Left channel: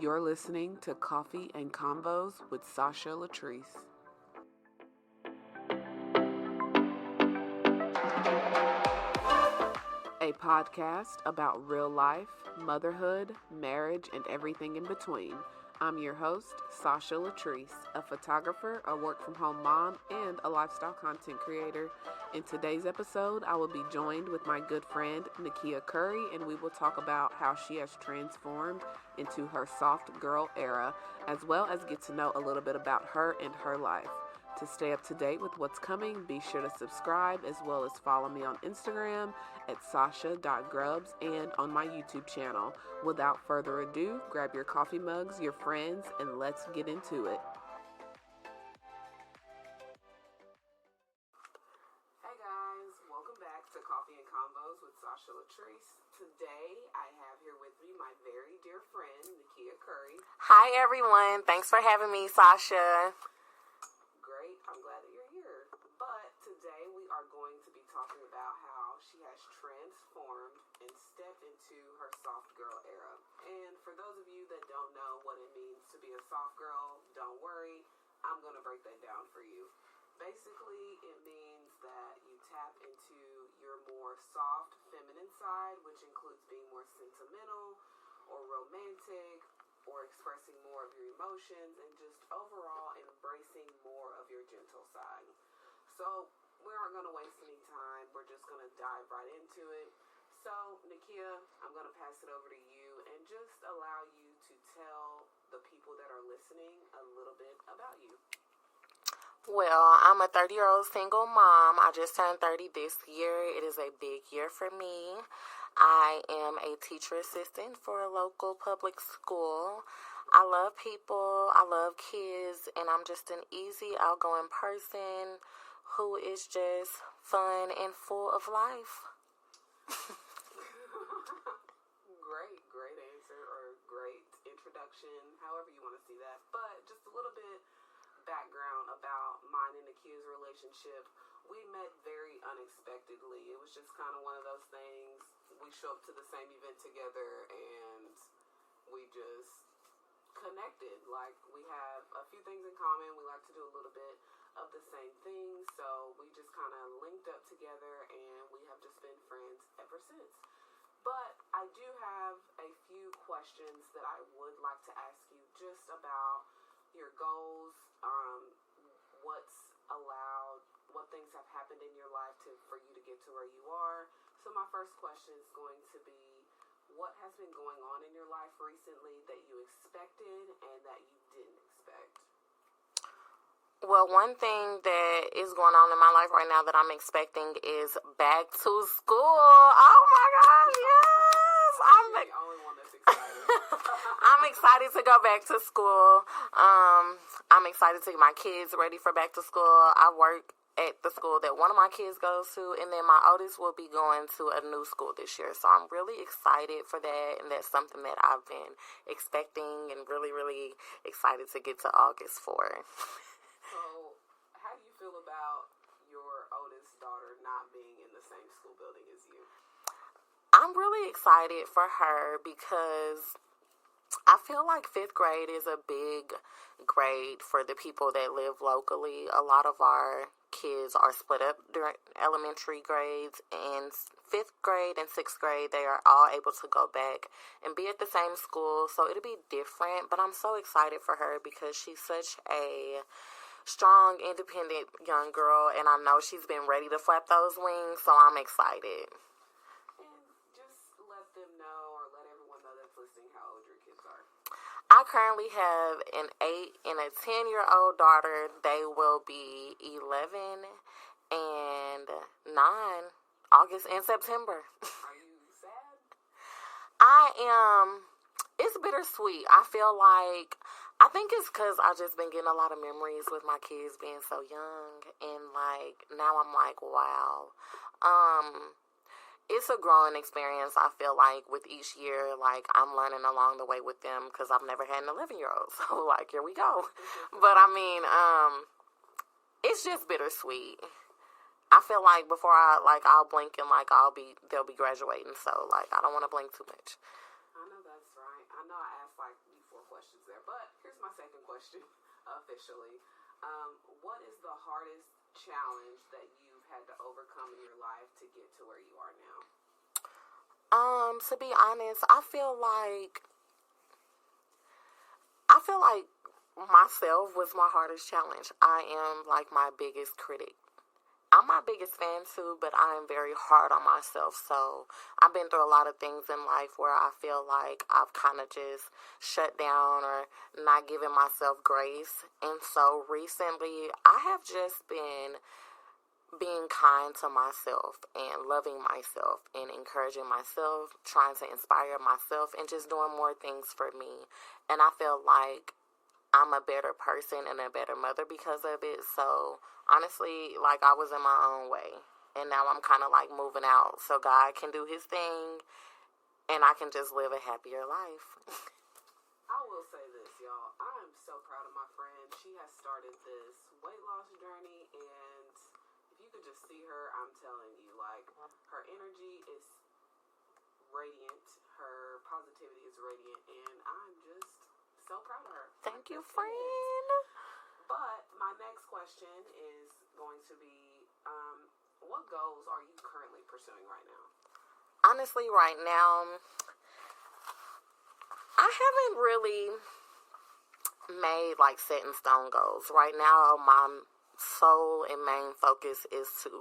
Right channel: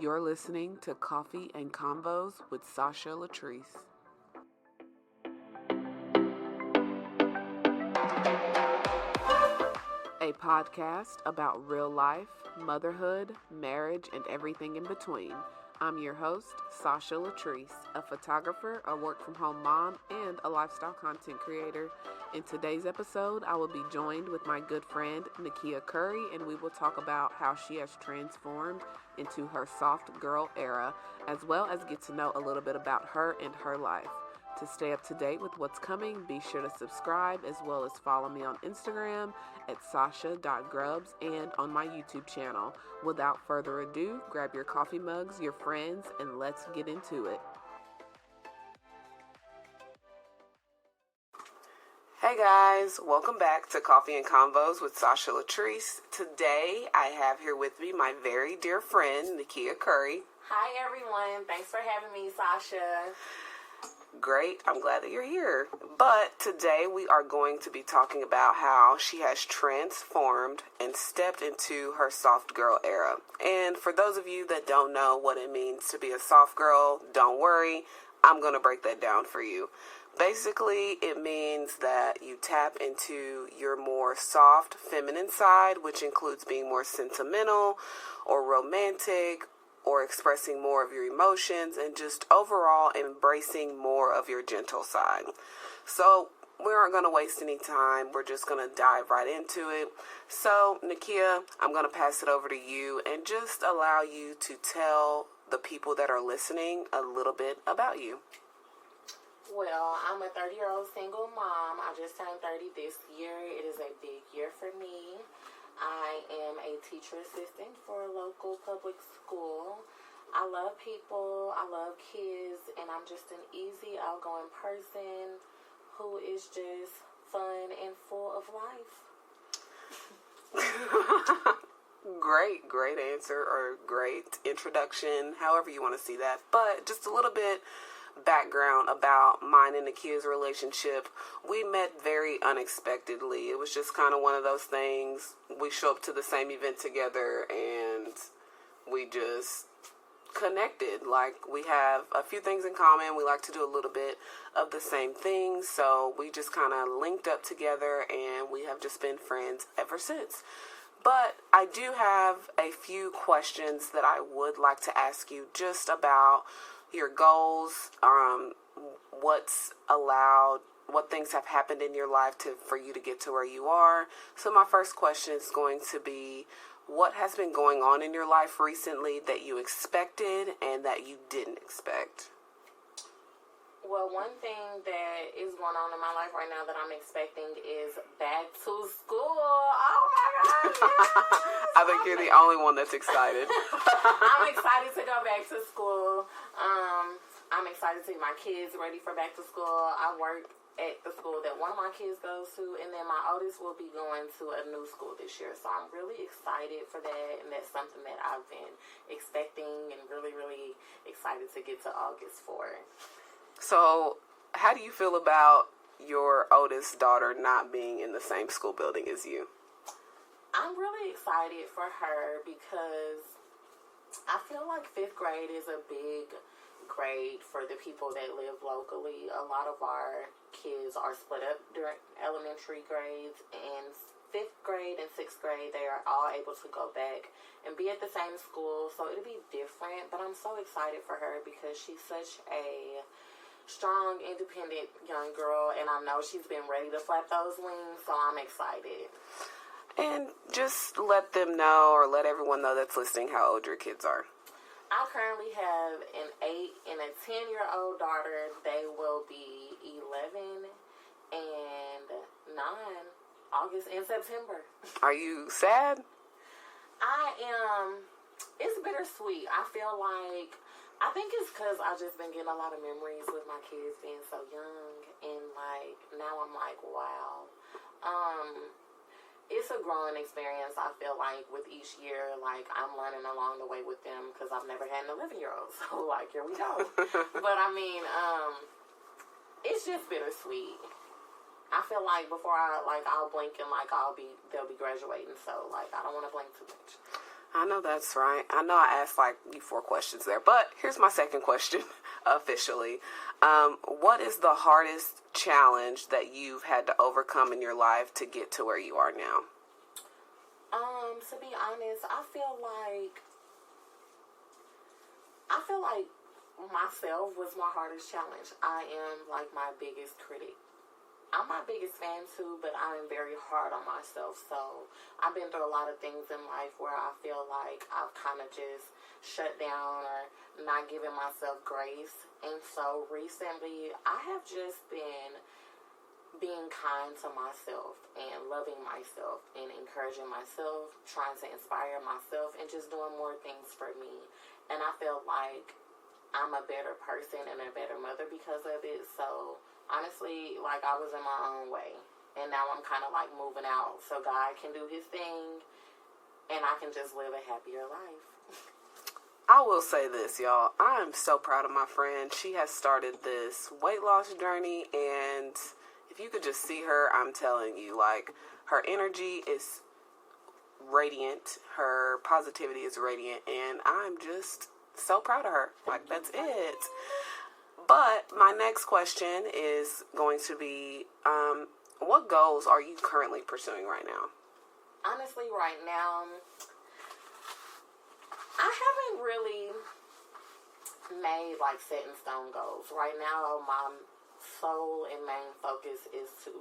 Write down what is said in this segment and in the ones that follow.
You're listening to Coffee and Convos with Sasha Latrice. A podcast about real life, motherhood, marriage, and everything in between. I'm your host, Sasha Latrice, a photographer, a work-from-home mom, and a lifestyle content creator. In today's episode, I will be joined with my good friend, Nakiya Curry, and we will talk about how she has transformed into her soft girl era, as well as get to know a little bit about her and her life. To stay up to date with what's coming, be sure to subscribe as well as follow me on Instagram at sasha.grubs and on my YouTube channel. Without further ado, grab your coffee mugs, your friends, and let's get into it. Hey guys, welcome back to Coffee and Convos with Sasha Latrice. Today I have here with me my very dear friend, Nakiya Curry. Hi everyone, thanks for having me, Sasha. Great, I'm glad that you're here. But today we are going to be talking about how she has transformed and stepped into her soft girl era. And for those of you that don't know what it means to be a soft girl, don't worry, I'm going to break that down for you. Basically, it means that you tap into your more soft, feminine side, which includes being more sentimental or romantic, or expressing more of your emotions, and just overall embracing more of your gentle side. So we aren't going to waste any time. We're just going to dive right into it. So Nakiya, I'm going to pass it over to you and just allow you to tell the people that are listening a little bit about you. Well, I'm a 30-year-old single mom. I just turned 30 this year. It is a big year for me. I am a teacher assistant for a local public school. I love people, I love kids, and I'm just an easy, outgoing person who is just fun and full of life. Great answer, or great introduction, however you want to see that. But just a little bit background about mine and Nakiya's relationship. We met very unexpectedly. It was just kind of one of those things. We show up to the same event together and we just connected. Like, we have a few things in common. We like to do a little bit of the same things. So we just kind of linked up together and we have just been friends ever since. But I do have a few questions that I would like to ask you just about your goals, what's allowed, what things have happened in your life for you to get to where you are. So my first question is going to be, what has been going on in your life recently that you expected and that you didn't expect? Well, one thing that is going on in my life right now that I'm expecting is back to school. Oh my God, yes! I think you're the only one that's excited. I'm excited to go back to school. I'm excited to get my kids ready for back to school. I work at the school that one of my kids goes to, and then my oldest will be going to a new school this year. So I'm really excited for that, and that's something that I've been expecting and really, really excited to get to August for. So, how do you feel about your oldest daughter not being in the same school building as you? I'm really excited for her because I feel like 5th grade is a big grade for the people that live locally. A lot of our kids are split up during elementary grades, and 5th grade and 6th grade, they are all able to go back and be at the same school. So it'll be different, but I'm so excited for her because she's such a strong, independent young girl, and I know she's been ready to flap those wings, so I'm excited. And just let them know, or let everyone know that's listening, how old your kids are. I currently have an 8 and a 10-year-old daughter. They will be 11 and 9, August and September. Are you sad? I am. It's bittersweet. I think it's because I've just been getting a lot of memories with my kids being so young, and like now I'm like, wow. It's a growing experience. I feel like with each year, like I'm learning along the way with them because I've never had an 11-year-old. So like, here we go. But I mean, it's just bittersweet. I feel like before I'll blink and like they'll be graduating. So like, I don't want to blink too much. I know that's right. I know I asked like you 4 questions there, but here's my second question officially. What is the hardest challenge that you've had to overcome in your life to get to where you are now? To be honest, I feel like myself was my hardest challenge. I am like my biggest critic. I'm my biggest fan too, but I am very hard on myself. So I've been through a lot of things in life where I feel like I've kind of just shut down or not given myself grace. And so recently I have just been being kind to myself and loving myself and encouraging myself, trying to inspire myself and just doing more things for me. And I feel like I'm a better person and a better mother because of it. So honestly, like I was in my own way. And now I'm kind of like moving out so God can do his thing and I can just live a happier life. I will say this, y'all. I'm so proud of my friend. She has started this weight loss journey, and if you could just see her, I'm telling you, like, her energy is radiant. Her positivity is radiant, and I'm just so proud of her. Like, that's it. But my next question is going to be, what goals are you currently pursuing right now? Honestly, right now, I haven't really made like set in stone goals. Right now, my sole and main focus is to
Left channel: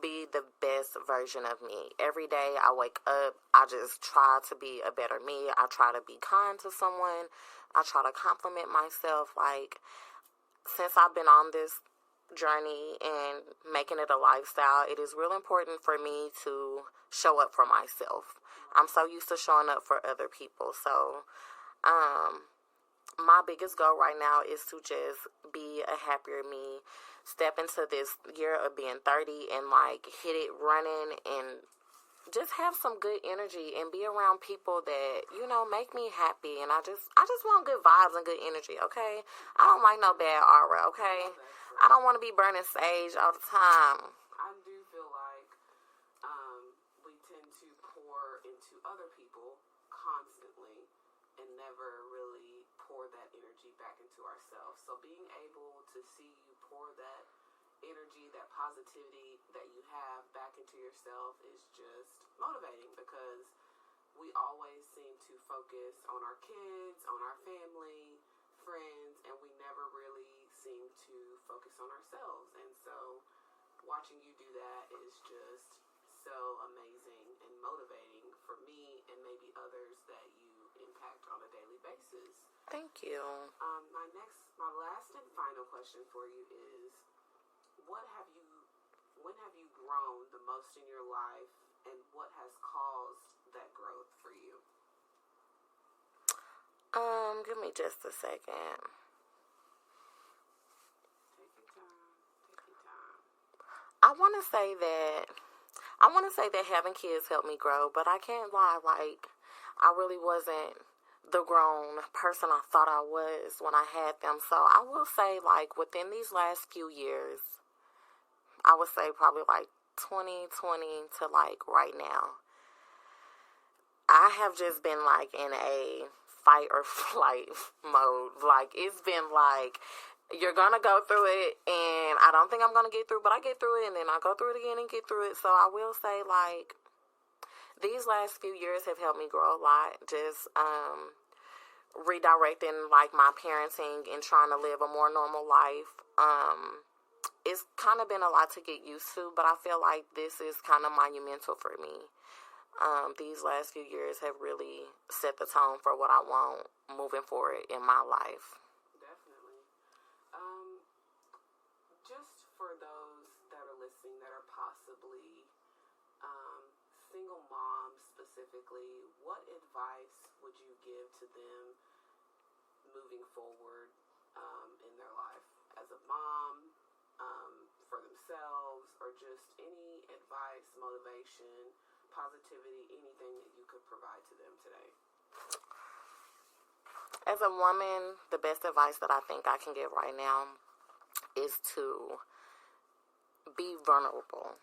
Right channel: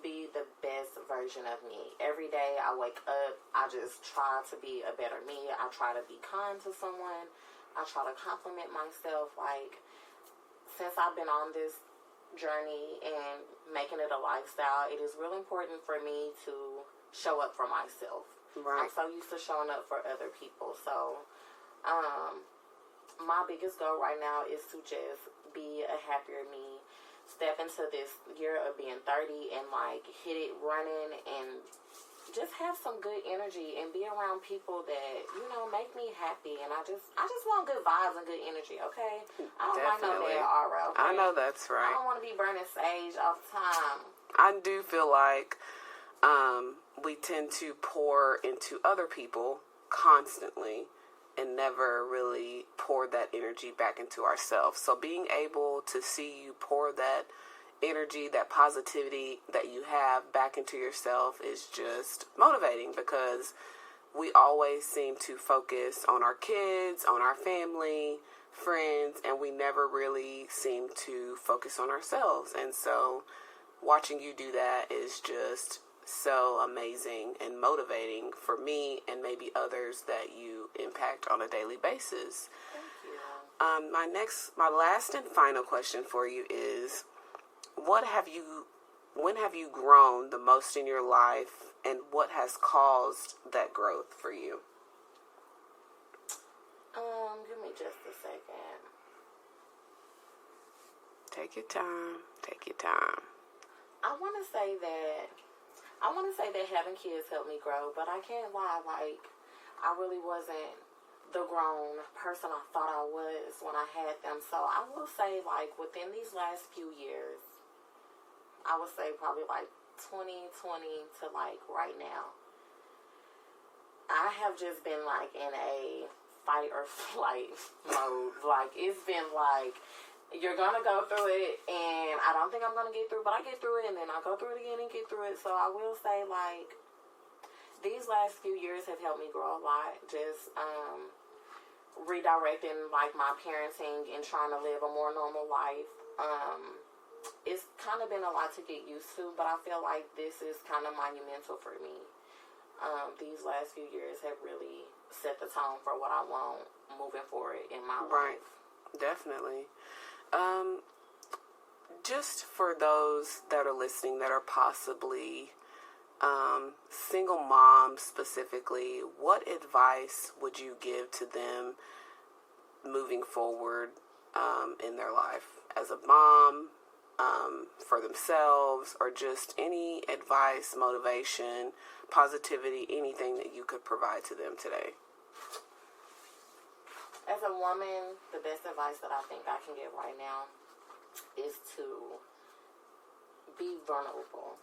be the best version of me. Every day I wake up, I just try to be a better me. I try to be kind to someone. I try to compliment myself. Like, since I've been on this journey and making it a lifestyle, it is real important for me to show up for myself. Right. I'm so used to showing up for other people. So, my biggest goal right now is to just be a happier me, step into this year of being 30 and like hit it running and just have some good energy and be around people that, you know, make me happy. And I just want good vibes and good energy, okay? I don't like no bad aura, okay? I know that's right. I don't want to be burning sage all the time. I do feel like we tend to pour into other people constantly and never really pour that energy back into ourselves. So being able to see you pour that energy, that positivity that you have back into yourself is just motivating, because we always seem to focus on our kids, on our family, friends, and we never really seem to focus on ourselves. And so watching you do that is just so amazing and motivating for me and maybe others that you impact on a daily basis. Thank you. My last and final question for you is, when have you grown the most in your life, and what has caused that growth for you? Give me just a second. Take your time. I want to say that having kids helped me grow, but I can't lie, like, I really wasn't the grown person I thought I was when I had them. So I will say, like, within these last few years, I would say probably like 2020 to like right now, I have just been like in a fight or flight mode. Like, it's been like, you're gonna go through it, and I don't think I'm gonna get through, but I get through it, and then I go through it again and get through it. So I will say, like, these last few years have helped me grow a lot. Just redirecting like my parenting and trying to live a more normal life. It's kind of been a lot to get used to, but I feel like this is kind of monumental for me. These last few years have really set the tone for what I want moving forward in my life. Definitely. Just for those that are listening that are possibly single moms specifically, what advice would you give to them moving forward in their life as a mom, for themselves, or just any advice, motivation, positivity, anything that you could provide to them today? As a woman, the best advice that I think I can give right now is to be vulnerable,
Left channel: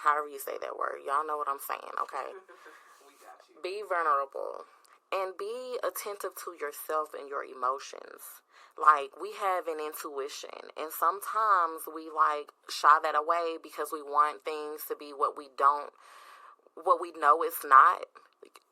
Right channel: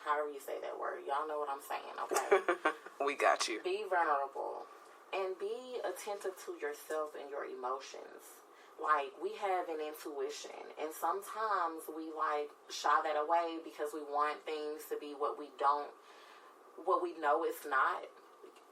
however you say that word. Y'all know what I'm saying, okay? We got you. Be vulnerable. And be attentive to yourself and your emotions. Like, we have an intuition, and sometimes we like shy that away because we want things to be what we know it's not.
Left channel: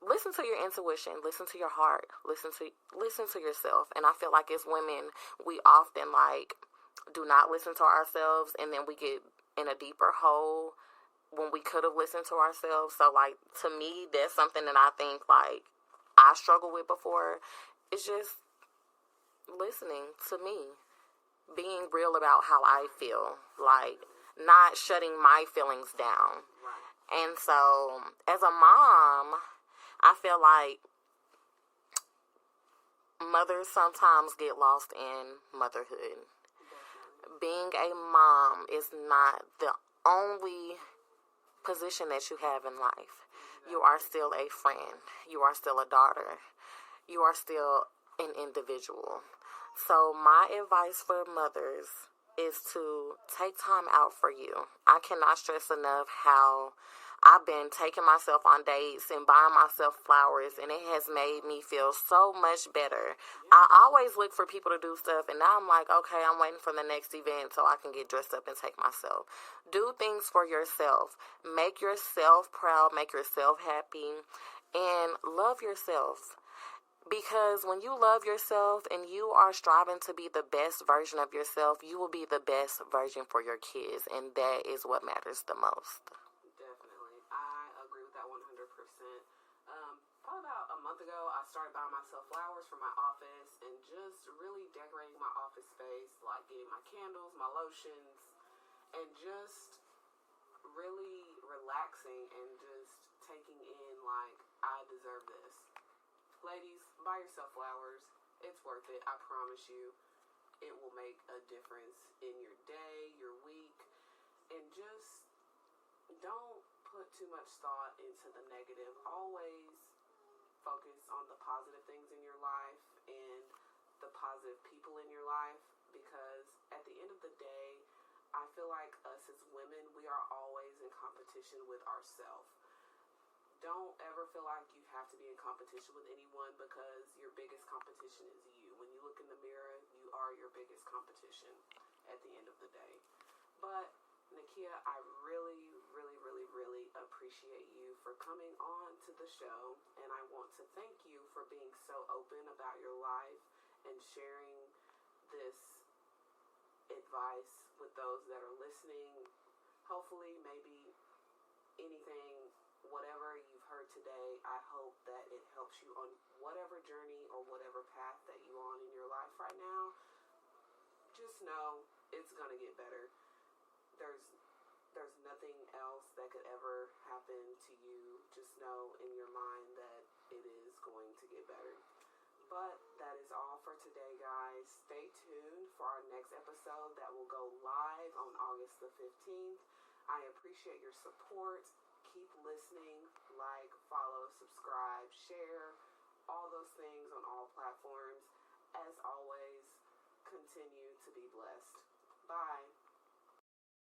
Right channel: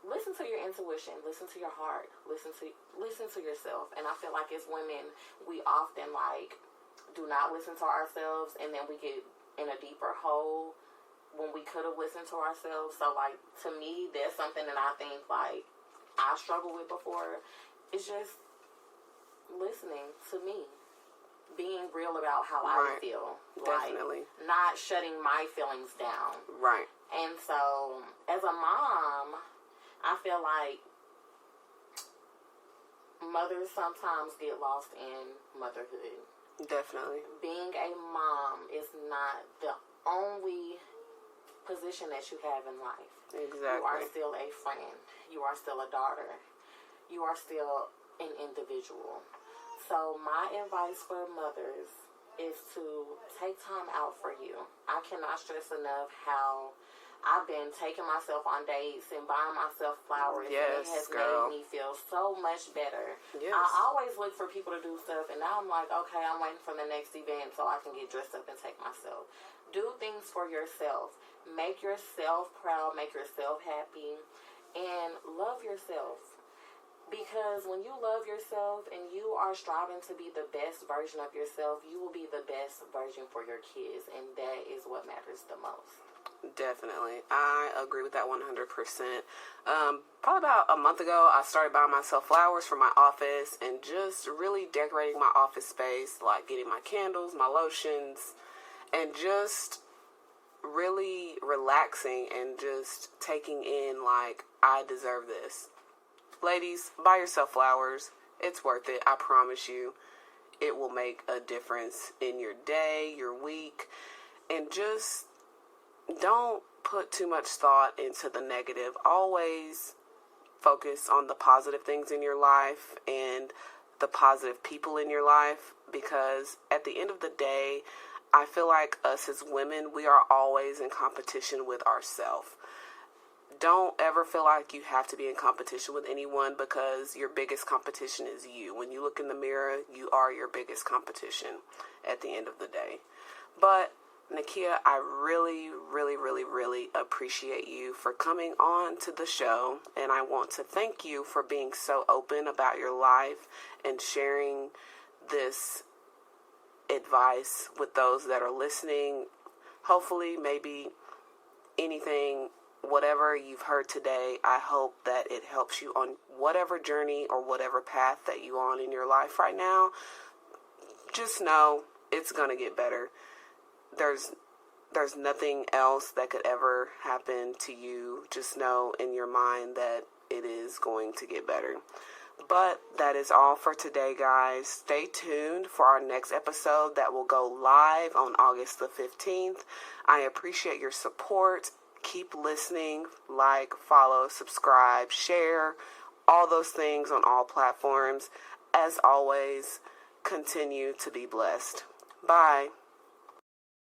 Listen to your intuition, listen to your heart, listen to yourself. And I feel like as women, we often like do not listen to ourselves, and then we get in a deeper hole when we could have listened to ourselves. So like, to me, that's something that I think like I struggled with before. It's just listening to me, being real about how I feel, Definitely. like not shutting my feelings down. Right. And so as a mom, I feel like mothers sometimes get lost in motherhood. Definitely. Being a mom is not the only position that you have in life. Exactly. You are still a friend. You are still a daughter. You are still an individual. So my advice for mothers is to take time out for you. I cannot stress enough how I've been taking myself on dates and buying myself flowers, and it has made me feel so much better. Yes. I always look for people to do stuff, and now I'm like, okay, I'm waiting for the next event so I can get dressed up and take myself. Do things for yourself. Make yourself proud, make yourself happy, and love yourself. Because when you love yourself and you are striving to be the best version of yourself, you will be the best version for your kids, and that is what matters the most. Definitely. I agree with that 100%. Probably about a month ago, I started buying myself flowers for my office and just really decorating my office space, like getting my candles, my lotions, and just really relaxing and just taking in, like, I deserve this. Ladies, buy yourself flowers. It's worth it. I promise you. It will make a difference in your day, your week, and just don't put too much thought into the negative. Always focus on the positive things in your life and the positive people in your life, because at the end of the day, I feel like us as women, we are always in competition with ourselves. Don't ever feel like you have to be in competition with anyone, because your biggest competition is you. When you look in the mirror, you are your biggest competition at the end of the day. But Nakiya, I really, really, really, really appreciate you for coming on to the show, and I want to thank you for being so open about your life and sharing this advice with those that are listening. Hopefully, maybe anything, whatever you've heard today, I hope that it helps you on whatever journey or whatever path that you're on in your life right now. Just know it's going to get better. There's nothing else that could ever happen to you. Just know in your mind that it is going to get better. But that is all for today, guys. Stay tuned for our next episode that will go live on August the 15th. I appreciate your support. Keep listening, like, follow, subscribe, share, all those things on all platforms. As always, continue to be blessed. Bye.